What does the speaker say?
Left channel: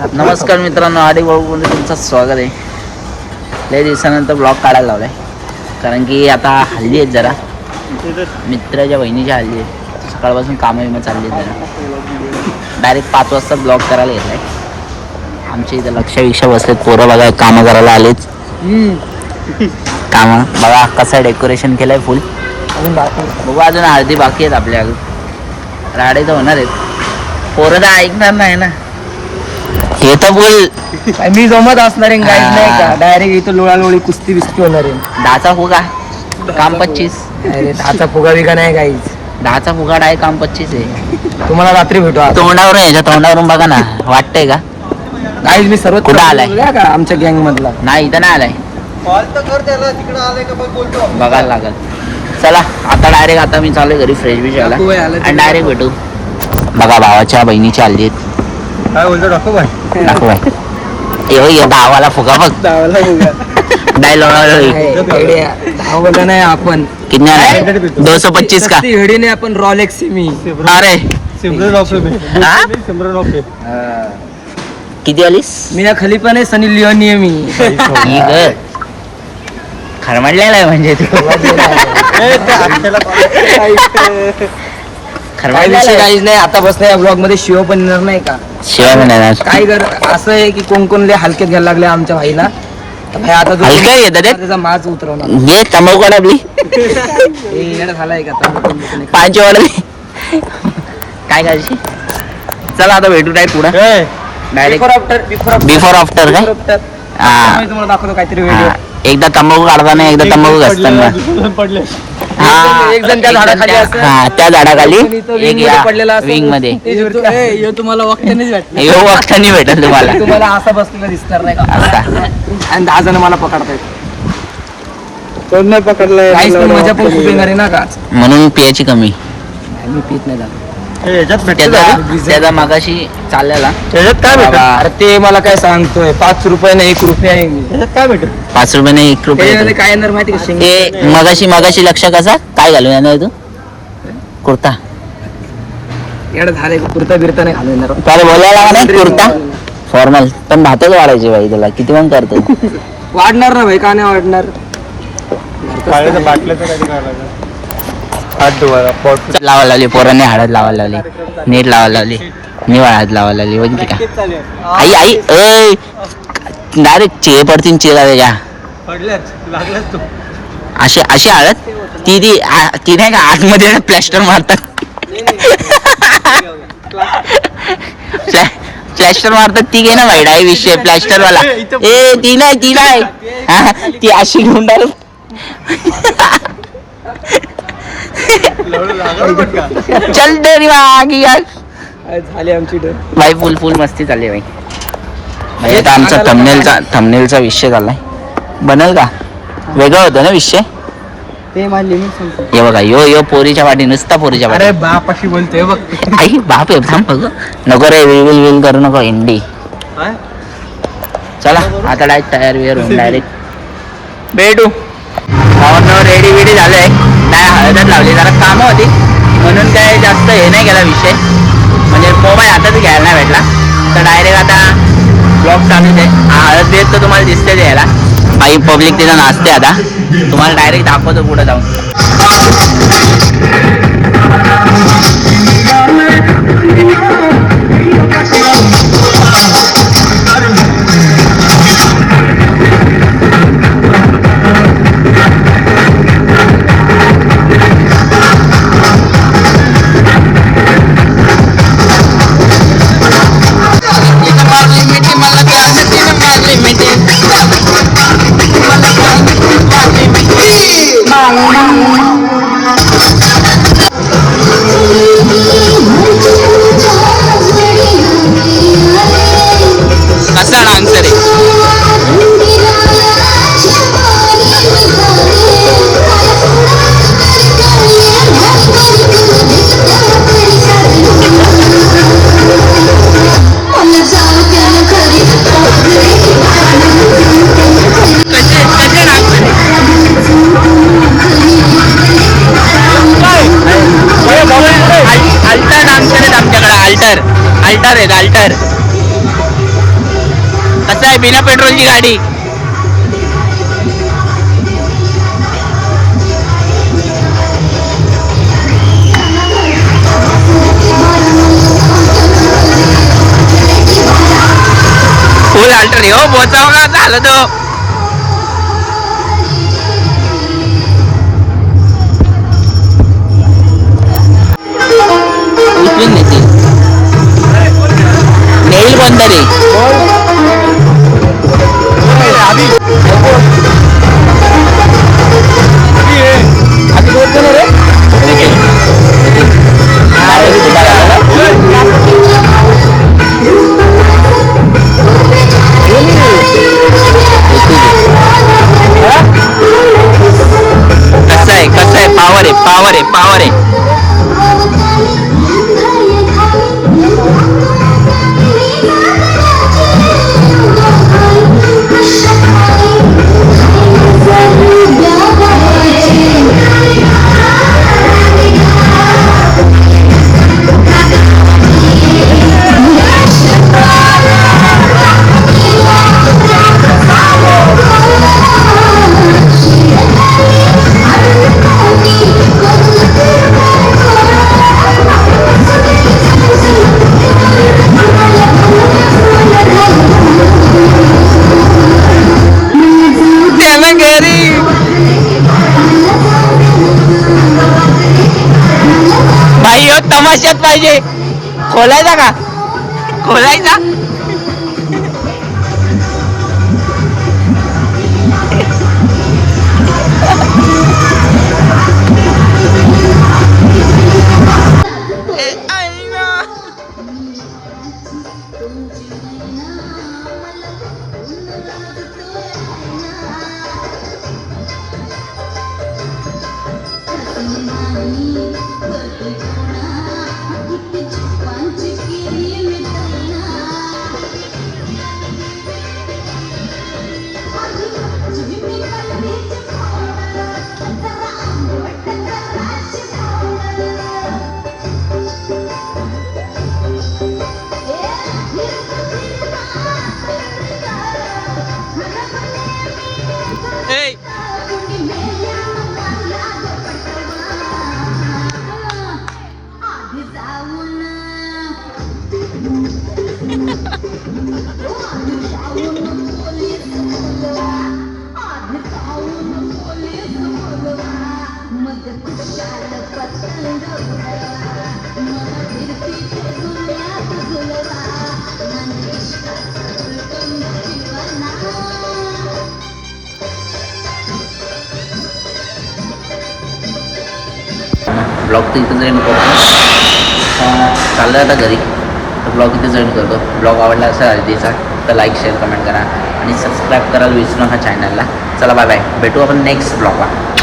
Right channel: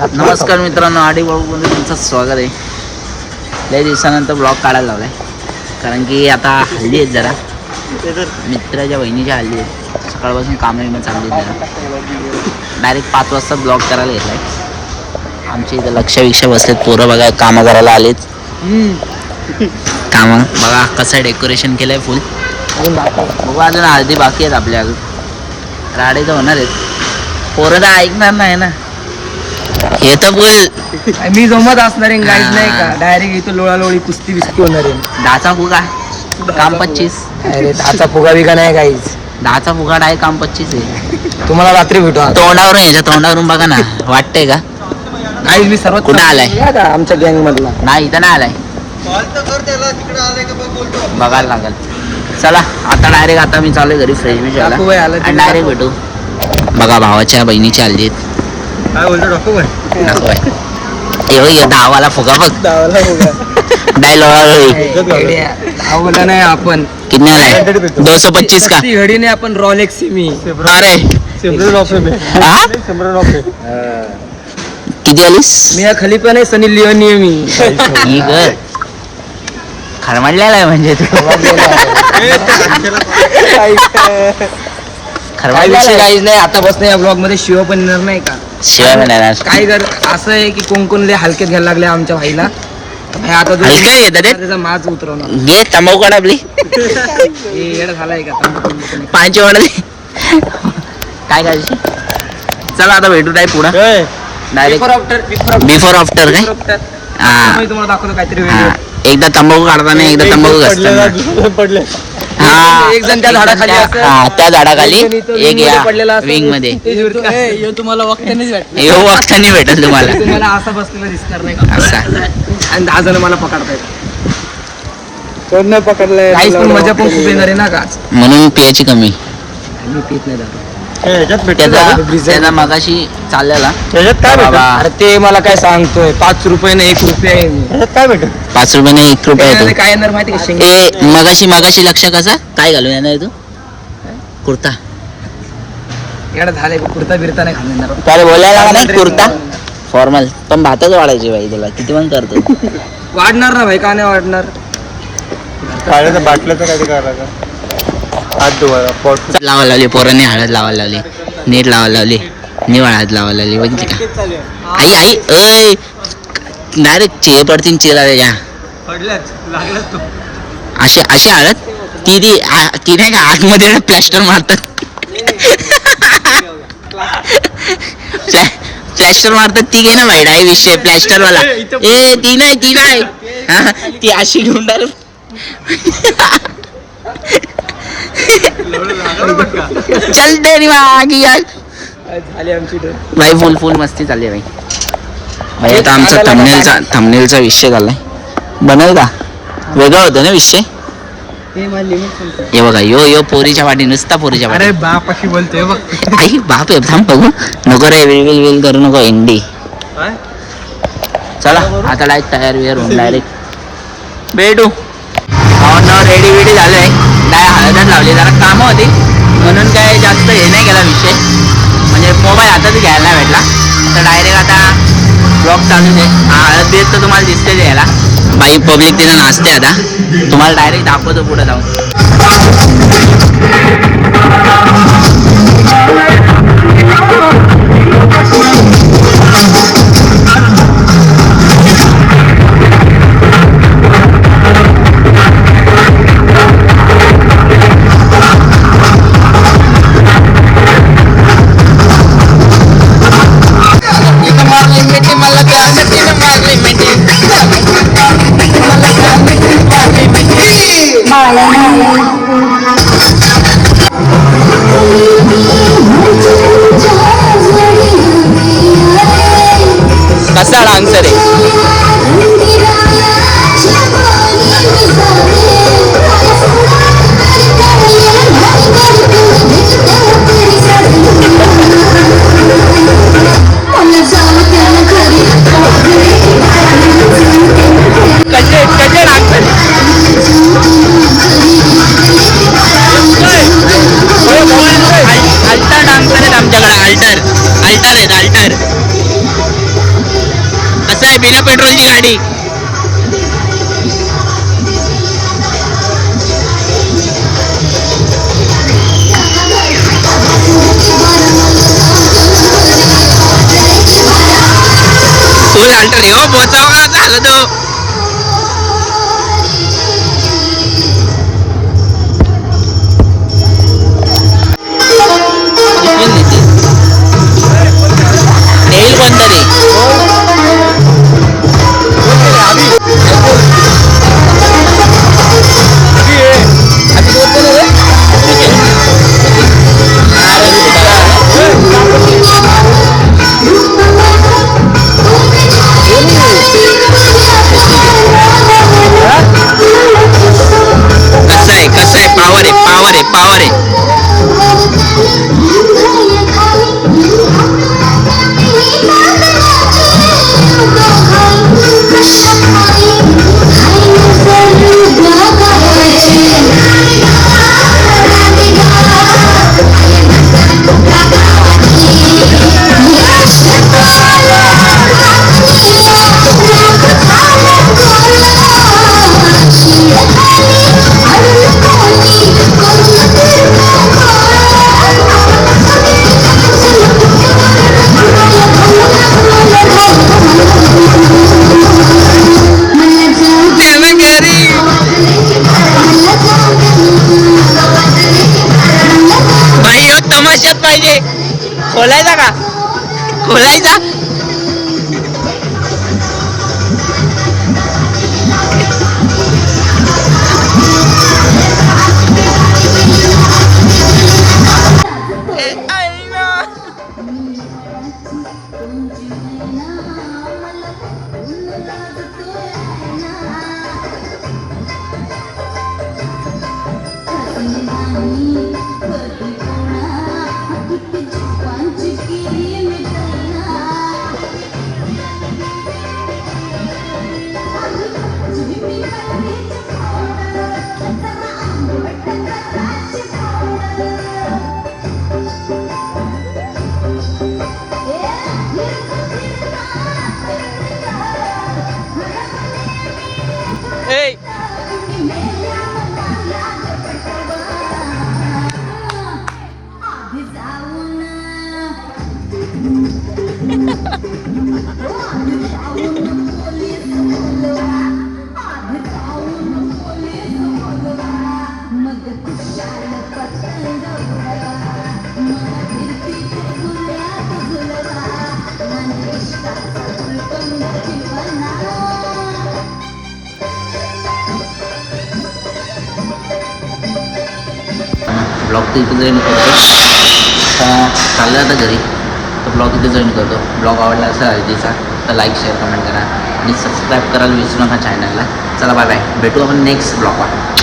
नमस्कार मित्रांनो, आडी वळूमध्ये तुमचं स्वागत आहे. लय दिवसानंतर ब्लॉग काढायला लावलाय, कारण की आता हल्ली आहेत जरा मित्राच्या बहिणीच्या हल्ली आहेत. सकाळपासून कामं विमं चालली आहेत जरा. डायरेक्ट 5 वाजता ब्लॉग करायला घेतलाय. आमच्या इथं लक्ष बसलेत पोरं, बघा कामं करायला आलेत. कामं बघा कसं डेकोरेशन केलंय फुल. बघू अजून हळदी बाकी आहेत आपल्या, अजून राडे तर होणार आहेत. पोरं तर ऐकणार नाही ना. हे तर बोल मी जमत असणार आहे गाईड नाही का. डायरेक्ट इथं लोळालोळी कुस्ती बिस्ती होणार आहे. 10चा फुगा काम 25. अरे 10चा फुगा बिगा नाही गाईच. 10चा फुगा आहे काम 25 आहे. तुम्हाला रात्री भेटू. तोंडावरून याच्या तोंडावरून बघा ना, वाटतंय का गाईज मी सर्वात कुठं आलाय? आमच्या गँग मधला नाही, इथं नाही आलाय. बघायला लागल. चला आता डायरेक्ट आता मी चालू घरी फ्रेश बी व्हायला आणि डायरेक्ट भेटू. बघा भावाच्या बहिणीची आली आहेत. काय बोलतो डॉक्टर भाई? नको भाई, ये 10वाला फुगा बघ. डायलॉग बोला नाही आपण कितना आहे? 225 का घडी नाही आपण रॉलेक्स मी. अरे हा? किती आलीस? मी या खाली पण आहे. सनी लिओनी आहे मी. खरमडलेला आहे म्हणजे तू. काय विषय काहीच नाही. आता बसण्या या ब्लॉग मध्ये शिव पण येणार नाही का. काय कर असं आहे की कोण लय हलक्यात घ्यायला लागले आमच्या भाईला. भाई आता जो त्याचा माज उतरवणार. ये तंबाखू आपली येडा झालाय का तंबाखू 5 वाढ काय काय. चला आता भेटू नाही पुढं डायरेक्ट बिफोर आफ्टर काय. तुम्हाला दाखवतो काहीतरी व्हिडिओ. एकदा तंबाखू काढताना, एकदा तंबाखू घसताना. हा, एक जण त्या झाडाखाली त्या झाडाखाली, एक या विंग मध्ये. तुम्हाला वक्तानी भेटेल तुम्हाला. तुम्हाला असा बसलेला दिसणार नाही का असा. आणि 10 जण मला पकडतायत. काहीच पण मजा पण खूप येणार आहे ना का. म्हणून पियाची कमी. मी पित नाही दारू. त्याचा मगाशी चाललेला बाबा. अरे ते मला काय सांगतोय 5 रुपयाने 1 रुपया आहे. काय भेटू 5 रुपयाने 1 रुपया येतो. काय येणार माहिती का. ए मगाशी लक्ष कसा काय घालून येणार तू? कुर्ता एवढं झालंय. कुर्ता बिरता नाही घालून येणार. कुर्ता फॉर्मल पण भातच वाढायची बाई तुला. किती मग करतो. वाढणार ना भाई. का नाही वाढणार. लावायला लावली पोरांनी, हळद लावायला लावली, नीट लावायला लावली, निवळ हळद लावायला लावली. बघितली का आई आई अय डायरेक्ट चिरे पडतील चिरा त्याच्या. अशी हळद ती नाही का आतमध्ये प्लॅस्टर मारतात. प्लॅस्टर मारतात ती घे ना भाई. डाय विषय प्लॅस्टर वाला. ए ती नाही हा, ती अशी घेऊन डायरेक्ट. चल दे मागी यार. झाली आमची भाई फुल मस्ती चालली भाई. भाई आता आमचा थंबनेलचा विषय झालाय. बनल का वेगळा होतं ना विषय. हे बघा यो पोरीच्या वाटी, नुसता पोरीच्या वाटी. अरे बाप अशी बोलतोय बघ. आई बाप आहे. थांब बघू नको रे. विल करू नको एंडी. चला आता डायरेक्ट तयार वियर होऊन डायरेक्ट भेटू. रेडी बिडी झालंय. नाही हळदच लावली, जरा कामं होती म्हणून काय जास्त हे नाही केला विषय. म्हणजे मोबाईल हातात घ्यायला नाही भेटला. तर डायरेक्ट आता ब्लॉग चालूच आहे. हळद बेत तर तुम्हाला दिसतेच यायला. बाई पब्लिक तिथं नाचते. आता तुम्हाला डायरेक्ट दाखवतो पुढे जाऊन. कसा डान्सर आहे. कसे डान्सर आहे. अल्टर डान्सर आहेत आमच्याकडे. अल्टर आहेत. कसं आहे बिना पेट्रोलची गाडी. फुल अल्टर हो पोचाव का झालं तो. कसं आहे पावर आहे पावर आहे पावर आहे. भाई हो तमाशात पाहिजे. खोलायचा का खोलायचा. ब्लॉग तर इथं जॉईन करतो. चाललं आता घरी तर ब्लॉग इथे जॉईन करतो. ब्लॉग आवडला असेल हळदीचा तर लाईक शेअर कमेंट करा आणि सबस्क्राईब करायला विसरू नका चॅनलला. चला बाय बाय, भेटू आपण नेक्स्ट ब्लॉगला.